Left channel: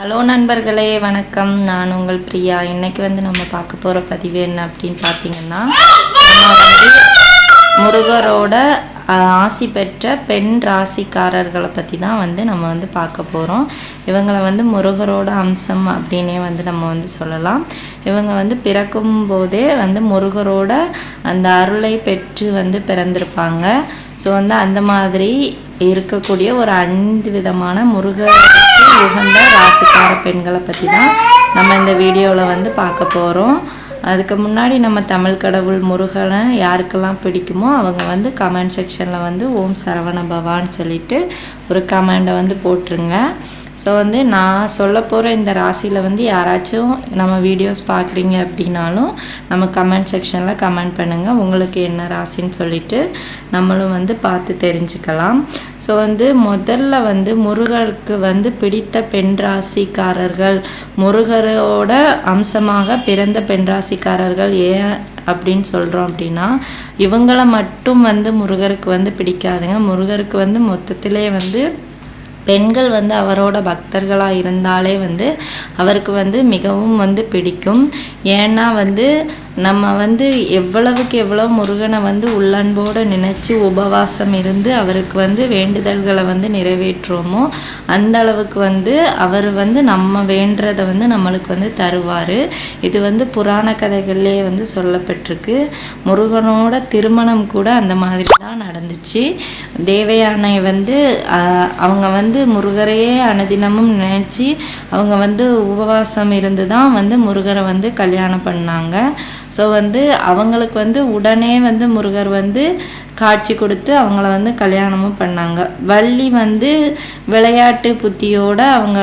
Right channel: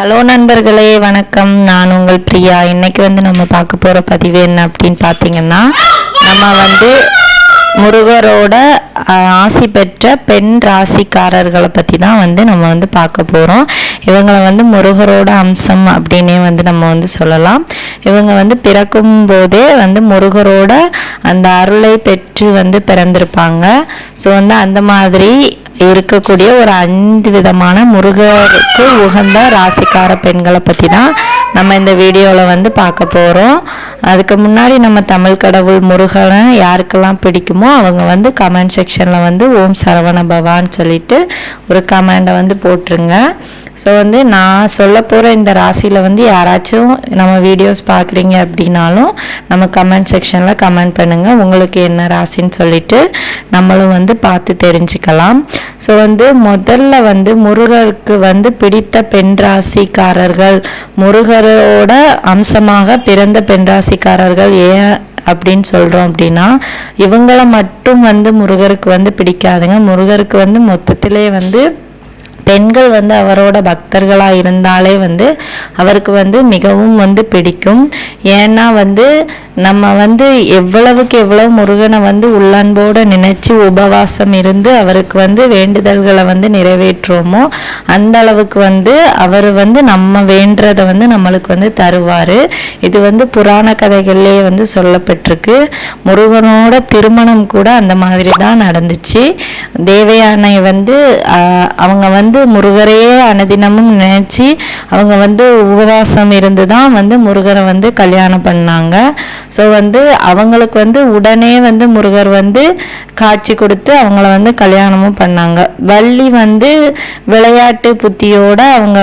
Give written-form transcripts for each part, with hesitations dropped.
Hello நண்பர்களே, வணக்கம். நான் உங்கள் பிரியா. இன்றைக்கி நம்ம பார்க்க போகிற பதிவு என்ன அப்படின்னு பார்த்தீங்கன்னா, நம்ம முருகரோட ஆசி பெற்ற பெண் ராசிக்காரர்களை பற்றி தான் நம்ம பார்க்க போகிறோம். இவங்களை முருகரோட அம்சம் அப்படின்னே நம்ம சொல்லலாம். இவங்க பிறக்கும் போதே முருகரோட அந்த அருளை பெற்று பிறந்திருப்பாங்க. ஸோ அந்த மாதிரி இருக்கக்கூடிய ஒரு 5 விதமான முருகருக்கு உகந்த ராசிக்கார பெண்களை பற்றி தான் நம்ம இந்த வீடியோவில் பார்க்க போகிறோம். அதுக்கு முன்னாடி நம்ம தமிழ் கடவுள் முருகனை யாருக்கெல்லாம் பிடிக்குமோ அவங்க கமெண்ட் செக்ஷனில் ஓம் சரவண பவான்னு சொல்லிட்டு ஒரு கமெண்டை போட்டுருங்க. ஸோ நான் சொல்ல போகிற இந்த ராசியில் யாராச்சும் நம்ம வீடியோஸ் பார்க்குறீங்க அப்படின்னாலும் நம்ம கமெண்ட் செக்ஷனில் கமெண்ட் பண்ணுங்கள், உங்களுக்கு என்ன ராசின்னு சொல்லிட்டு நம்மளும் பார்த்து தெரிஞ்சுக்கலாம். ஸோ முதல்ல முருகருக்கு பிடித்த பெண் ராசிக்காரர்கள், முருகரோட அம்சமாக பிறந்த பெண் ராசிக்காரர்கள் ஏன் அப்படின்னு சொல்கிறோம் அப்படின்னா, இவங்களை மட்டும் முருகருக்கு பிடிக்காதுங்க. முருகருக்கு மொத்தத்திலே பெண்கள் அவரோட பக்தர்களாக இருந்தாலே அவருக்கு மிகவும் பிடிக்கும். ஏன்னா நம்ம எவ்வளவுக்கு எவ்வளவு முருகனை உள்ளன்போடு நினச்சி உபவாசம் இருந்து அவருக்கு வேண்டுதல்களை நிறைவேற்றுவோமோ அந்த அளவுக்கு அவர் நம்ம வேண்டதை நம்மளுக்கு தருவார். இது புராண கதைகள்லேயே சொல்லப்பட்டிருக்கு. முருகனோட திருமணம் கூட அந்த மாதிரி தான் நடந்துச்சு. தேவயானை அவங்க முருகரையே அனுதினமும் நினைச்சு அவங்க உபவாசம் இருந்து தான் முருகரை கல்யாணம் பண்ணாங்க. ஸோ அவங்களுக்கு உடனே முருகர் காட்சி கொடுத்து அவங்கள கல்யாணமும் பண்ணாங்க. வள்ளி விளையாட்டு புத்தியோட அவங்க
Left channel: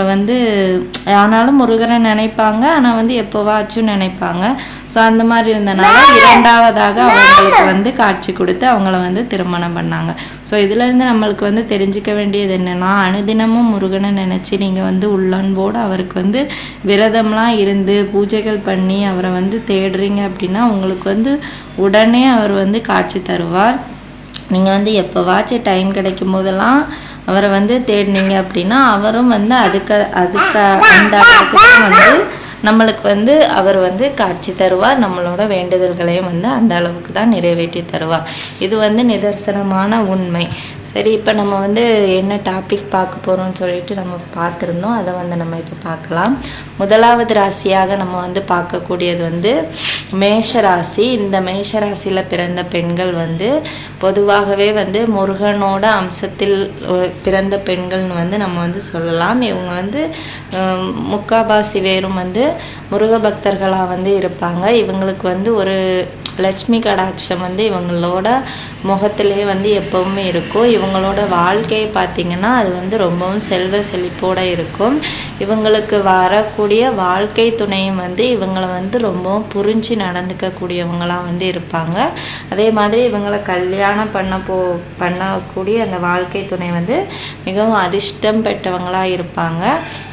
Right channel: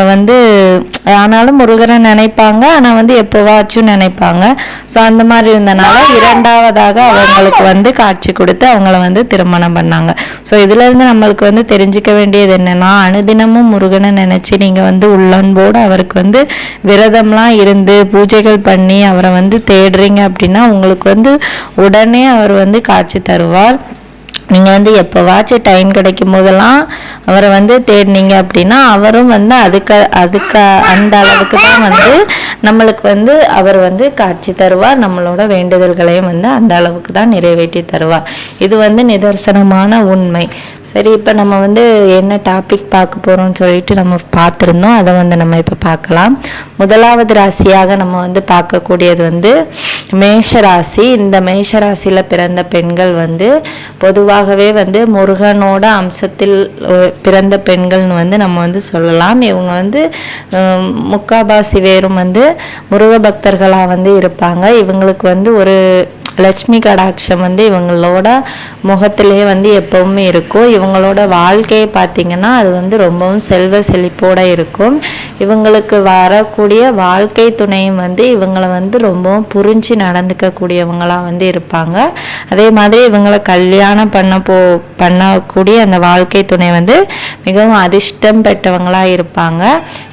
ஆனாலும் முருகரை நினைப்பாங்க, ஆனால் எப்போவாச்சும் நினைப்பாங்க. ஸோ அந்த மாதிரி இருந்தனால இரண்டாவதாக அவங்களுக்கு காட்சி கொடுத்து அவங்கள திருமணம் பண்ணாங்க. ஸோ இதுலேருந்து நம்மளுக்கு தெரிஞ்சுக்க வேண்டியது என்னன்னா, அனுதினமும் முருகனை நினச்சி நீங்கள் உள்ளன்போடு அவருக்கு விரதம்லாம் இருந்து பூஜைகள் பண்ணி அவரை தேடுறீங்க அப்படின்னா உங்களுக்கு உடனே அவர் காட்சி தருவார். நீங்கள் எப்போவாச்சும் டைம் கிடைக்கும் போதெல்லாம் அவரை தேடினீங்க அப்படின்னா அவரும் அதுக்கு அந்த அளவுக்கு தான் நம்மளுக்கு அவர் காட்சி தருவார். நம்மளோட வேண்டுதல்களையும் அந்த அளவுக்கு தான் நிறைவேற்றி தருவார். இது நிதர்சனமான உண்மை. சரி, இப்போ நம்ம என்ன டாபிக் பார்க்க போகிறோம்னு சொல்லிட்டு நம்ம பார்த்துருந்தோம். அதை நம்ம இப்போ பார்க்கலாம். முதலாவது ராசியாக நம்ம பார்க்கக்கூடியது மேஷ ராசி. இந்த மேஷ ராசியில் பிறந்த பெண்கள் பொதுவாகவே முருகனோட அம்சத்தில் பிறந்த பெண்கள்னு நம்ம சொல்லலாம். இவங்க முக்காபாசி வேறும் முருக பக்தர்களாக இருப்பாங்க. இவங்களுக்கு ஒரு லட்சுமி கடாட்சம் இவங்களோட முகத்திலே எப்பவுமே இருக்கும். இவங்களோட வாழ்க்கையை பார்த்திங்கன்னா அது ரொம்பவும் செல்வ செழிப்போடு இருக்கும். இவங்களுக்கு வரக்கூடிய வாழ்க்கை துணையும் இவங்களை ரொம்பவும் புரிஞ்சு நடந்துக்கக்கூடியவங்களாக இருப்பாங்க. அதே மாதிரி இவங்களை கல்யாணம் பண்ணக்கூடிய அந்த வாழ்க்கை துணை மிகவும் அதிர்ஷ்டம் பெற்றவங்களாக இருப்பாங்க.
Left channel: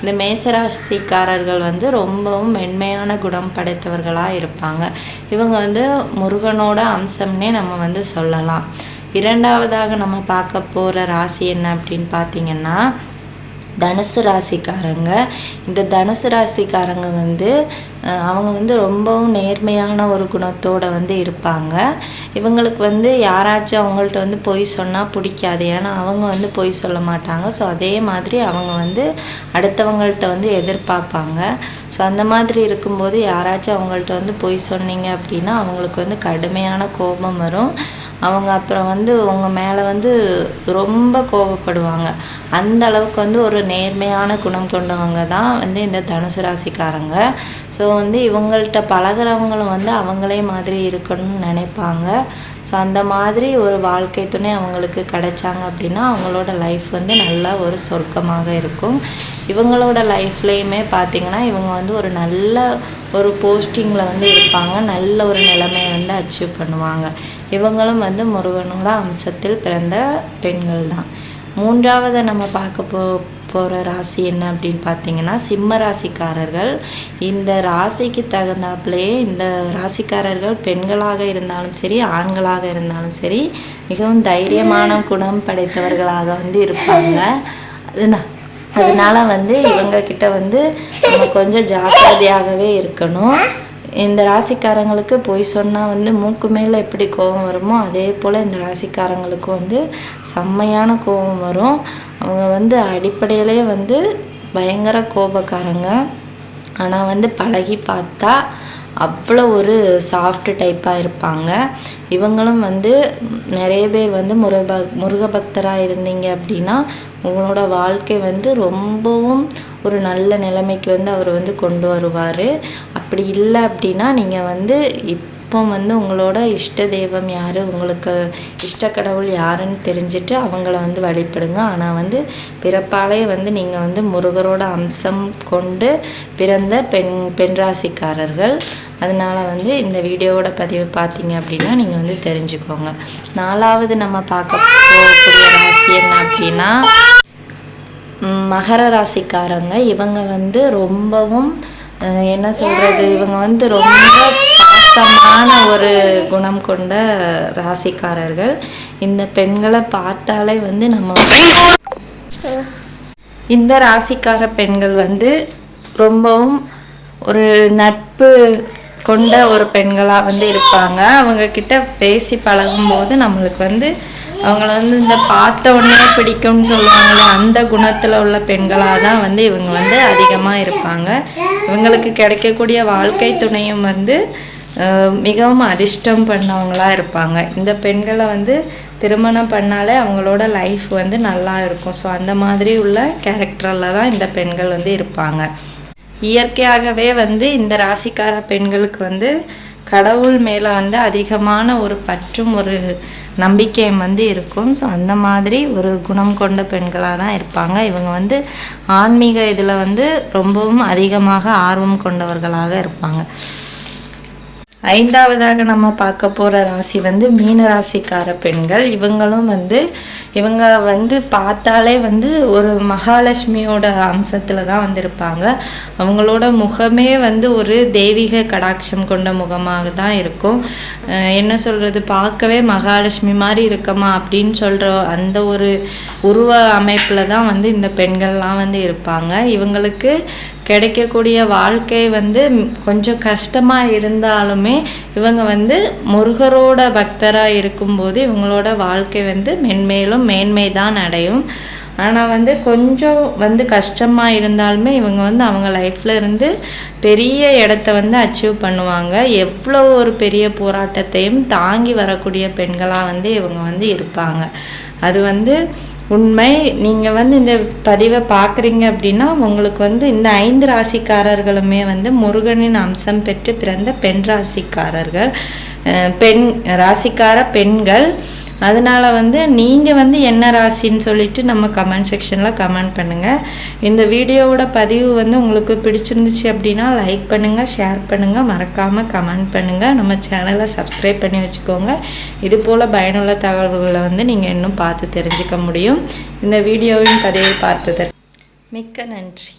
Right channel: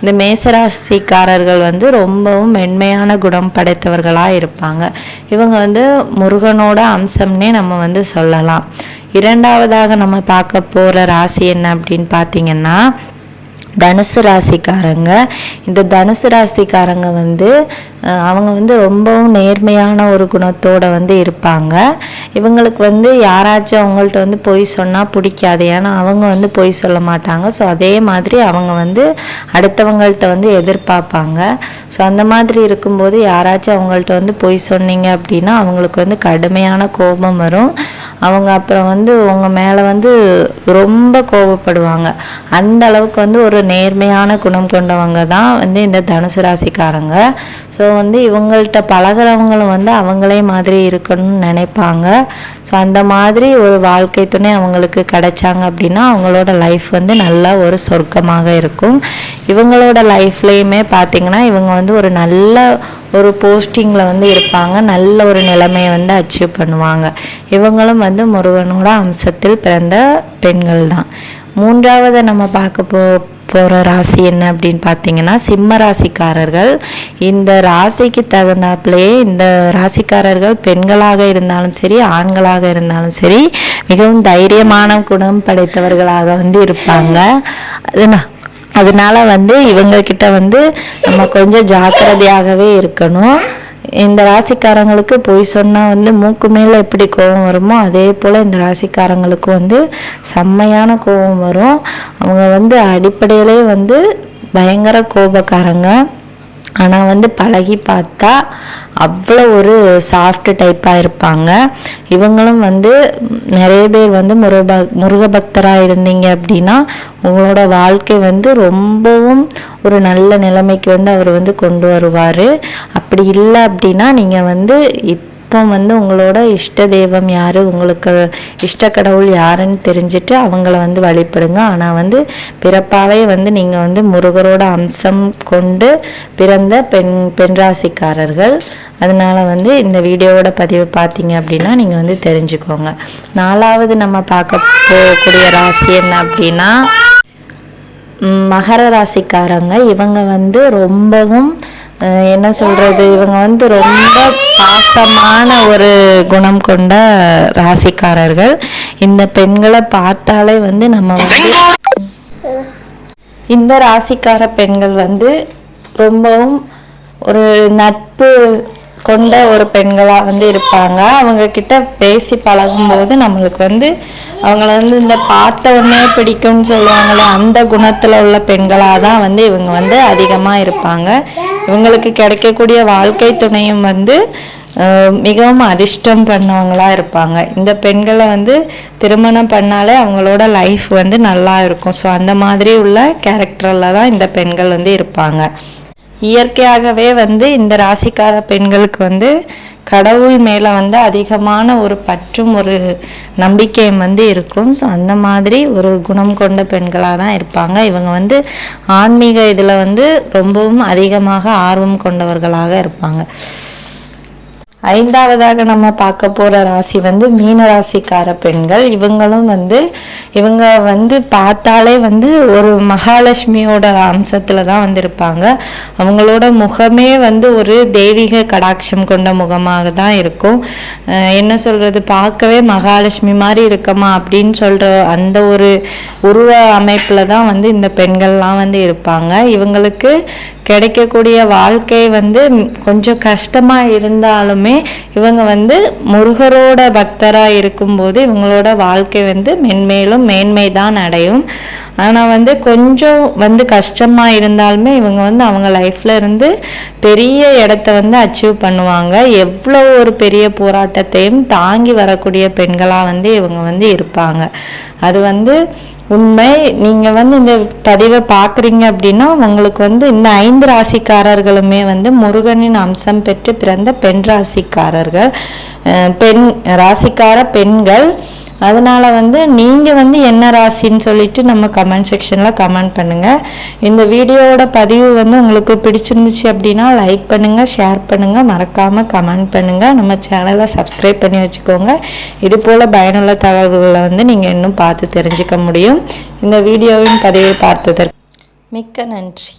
இந்த மேசராசிக்காரர்கள் ரொம்பவும் மென்மையான குணம் படைத்தவர்களாக இருப்பாங்க. இவங்க முருகனோட அம்சம்னே நம்ம சொல்லலாம். இரண்டாவதாக நம்ம பார்க்க போகிற ராசி என்ன அப்படின்னு பார்த்தீங்கன்னா, தனுசு ராசிக்காரங்க. இந்த தனுசு ராசிக்காரங்க அவங்க ரொம்பவும் நேர்மையான ஒரு குணத்தோடு இருப்பாங்க. இவங்களுக்கு யாராச்சும் அவங்கள்ட்ட பொய் சொன்னால் பிடிக்காது. ஏன்னா அவங்க பொய் சொல்ல மாட்டாங்க. ஸோ அதே மாதிரி அவங்க அடுத்தவங்கள்ட்ட எதிர்பார்ப்பாங்க. ஸோ அந்த மாதிரி இருக்கும்போது யாராச்சும் அவங்கள்ட்ட பொய் சொன்னீங்க அப்படின்னா அவங்களுக்கு கடுமையான கோபம் வரும். அவங்க அப்புறம் உங்கள் மேலே ரொம்ப கோபப்படுவாங்க. அந்த அளவுக்கு ஒரு நேர்மையான குணம் கொண்டவங்க தான் இந்த தனுசு ராசிக்காரங்க. ஸோ இவங்கள்ட்ட பழகிறவங்களும் அவங்களே மாதிரி இருக்கணும்னு நினைப்பாங்க. ஸோ அந்த மாதிரி ஒரு வாழ்க்கை துணை அவங்களுக்கு கிடைச்சாங்க அப்படின்னா அவங்களோட லைஃப் நல்லா ஒரு சொர்க்கமாக இருக்கும். இவங்களோட லைஃப்லேயுமே பார்த்திங்கன்னா இவங்க ஒரு நல்ல ஒரு போஸ்டிங்கில் இருப்பாங்க. நல்ல ஒரு நிலைமையை அச்சீவ் பண்ணுவாங்க. இவங்களும் முருகனோட அம்சத்தில் பிறந்த பெண்கள் தான். மூன்றாவது நம்ம பார்க்க போகிற ராசி என்ன அப்படின்னு பார்த்தீங்கன்னா, சிம்ம ராசிக்காரர்கள். இந்த ராசிக்கு தகுந்தாப்புலேயே இந்த ராசிக்காரர்கள் பெண்களாக இருந்தாலும் சரி ஆண்களாக இருந்தாலும் சரி மிகவும் தைரியமான குணம் படைத்தவர்களாக இருப்பாங்க. அதுனா அதனால வந்து இவங்கக்கிட்ட வந்து நம்ம கொஞ்சம் ஜாக்கிரதையாகவே இருக்கணும். இந்த ராசிக்காரங்களுக்கு பொய் சொன்னால் வந்து மூக்கு மேலே எப்படி கோபம் வருமோ அதே போல் இந்த ராசிக்காரங்களுக்கு வந்து செம்மையான கோபம் வரும். அவங்க வந்து அடிப்படையிலே வந்து பயங்கர கோபக்காரங்க. ஆனால் வந்து பழகி பார்த்தா அவ்வளோ ஒரு சாஃப்ட் டைப்பாக இருப்பாங்க. இவங்களும் வந்து நிறைய பேர் வந்து முருக பக்தராக இருந்தீங்க அப்படின்னா உங்களோட வாழ்க்கை வந்து ரொம்பவும் ஒரு நல்ல நிலைமைக்கு வந்து அவர் வந்து கொண்டு வருவார். அப்படி இல்லை அப்படின்னா நீங்கள் வந்து இப்போ வந்து உங்களோட இஷ்ட தெய்வம் யார், உங்களுக்கு இஷ்ட கடவுள் யாருன்னு தெரிஞ்சுட்டு அவங்கள வந்து வழிபடுங்க. ஆனால் வந்து பிறப்பாவே வந்து நீங்கள் வந்து முருகரோட அம்சம் கொண்டு பிறந்த பெண் ராசிக்காரர்கள். அதனால் வந்து இந்த வீடியோவோட பதிவு பார்த்தீங்க அப்படின்னா நீங்கள் வந்து தெரிஞ்சுக்கோங்க. 4வது நம்ம பார்க்க போகக்கூடிய ராசி என்ன அப்படின்னா மகர ராசிக்காரங்க. இவங்க வந்து ரொம்பவும் என்ன சொல்கிறது, இவங்க வந்து ரொம்ப பாசமான ஒரு குணம் கொண்ட ராசிக்காரர்கள். இந்த பெண்களை பார்த்தாலே வந்து நம்ம இந்த ராசிக்கார பெண்கள் வந்து ரொம்பவும் ஒரு நட்பு கொண்ட ஒரு பெண்களாக வந்து இருப்பாங்க. அவங்கக்கிட்ட பேசி பழகும்போது நம்மளுக்கு வந்து அவங்கள வந்து இந்த பார்த்த உடனே பிடிக்கும்னு சொல்லுவாங்களே அந்த குணத்தில் உள்ள பெண்களாக தான் வந்து இவங்க வந்து அதிகமாக இருப்பாங்க. இவங்களுக்கு கிடைக்கக்கூடிய வாழ்க்கை துணையும் வந்து மிகவும் அதிர்ஷ்டம் பண்ணவங்களாக இருப்பாங்க. இந்த பெண்களை வந்து திருமணம் பண்ணாலே அவங்களோட லைஃப் வந்து நல்லா இருக்கும். ஸோ அந்த மாதிரி உள்ள கேரக்டரில் தான் இந்த பெண்கள் வந்து இருப்பாங்க. இயற்கையாகவே வந்து இந்த ராசிக்கார பெண்களுக்கு வந்து கடவுள் மேலே வந்து அதிகமான ஒரு பற்றும் ஒரு நம்பிக்கையும் வந்து இருக்கும். ஸோ அந்த மாதிரி ஒரு குணம் கொண்ட பெண்களாக தான் இருப்பாங்க. இவங்க வந்து ஆன்மீக இதில் வந்து ரொம்பவும் அதிகமாக ஆர்வம் கொண்டவர்களாக இருப்பாங்க. 5வதாக நம்ம பார்க்க போகிற ராசி வந்து மீன ராசிக்கார பெண்கள். இவங்க வந்து பார்த்தாலே வந்து ஒரு மகாலட்சுமியோட அம்சத்தில் தான் வந்து இருப்பாங்க. அவங்களோட முகமே வந்து ஒரு தெய்வீக கடாட்சம் கொண்ட முகமாக தான் இருக்கும். என்ன சொல்கிறது, பார்க்கவே மகாலட்சுமி மாதிரி இருக்கமா அப்படின்னு சொல்கிற அந்த ஒரு உருவ அமைப்பில் தான் வந்து இந்த பெண்கள்லாம் வந்து இருப்பாங்க. இவங்களுக்கு கிடைக்கக்கூடிய வாழ்க்கை வந்து கொஞ்சம் கஷ்டமாக இருந்தாலுமே இவங்க வந்து முருகரோட பக்தராக இருக்கும்போது இவங்களோட வாழ்க்கை வந்து மென்மேலும் மேன்மை தான் அடையும். ஆனால் வந்து கொஞ்சம் வந்து கஷ்டமாக இருந்தாலுமே இவங்க வந்து அவங்க லைஃப்பில் இருந்து பெரிய இடத்த வந்து அச்சீவ் பண்ணுவாங்க. எவ்வளோ ஒரு பெரிய போராட்டத்தையும் தாங்கி வரக்கூடிய பெண்களாக வந்து இவங்க வந்து இருப்பாங்க. அது வந்து உண்மை. நீங்கள் வந்து இந்த பதிவை பார்க்குறீங்க அப்படின்னா உங்களுக்கு வந்து இந்த 5 ராசிக்காரர்களுமே வந்து முருகனின் அம்சம் பெற்று பிறந்த பெண் ராசிக்காரர்கள், பெண் ராசிக்கார பெண்கள். அதனால் வந்து நீங்கள் வந்து என்ன ராசின்னு சொல்லிட்டு நம்ம கமெண்ட் செக்ஷனில் கமெண்ட் பண்ணுங்கள். இந்த வீடியோவோட பதிவு வந்து உங்களுக்கு பிடிச்சிருந்துச்சு அப்படின்னா லைக் பண்ணுங்கள், ஷேர் பண்ணுங்கள், மறக்காமல் கமெண்ட் பண்ணுங்கள். நம்ம சேனலை சப்ஸ்கிரைப் பண்ணி வச்சுக்கோங்க. இது போல் பயனுள்ள தகவல்களை வந்து நீங்கள் இன்னும் பார்த்து தெரிஞ்சுக்க முடியும். இந்த வீடியோவின் பதிவை பார்த்ததற்கு மிக்க நன்றி.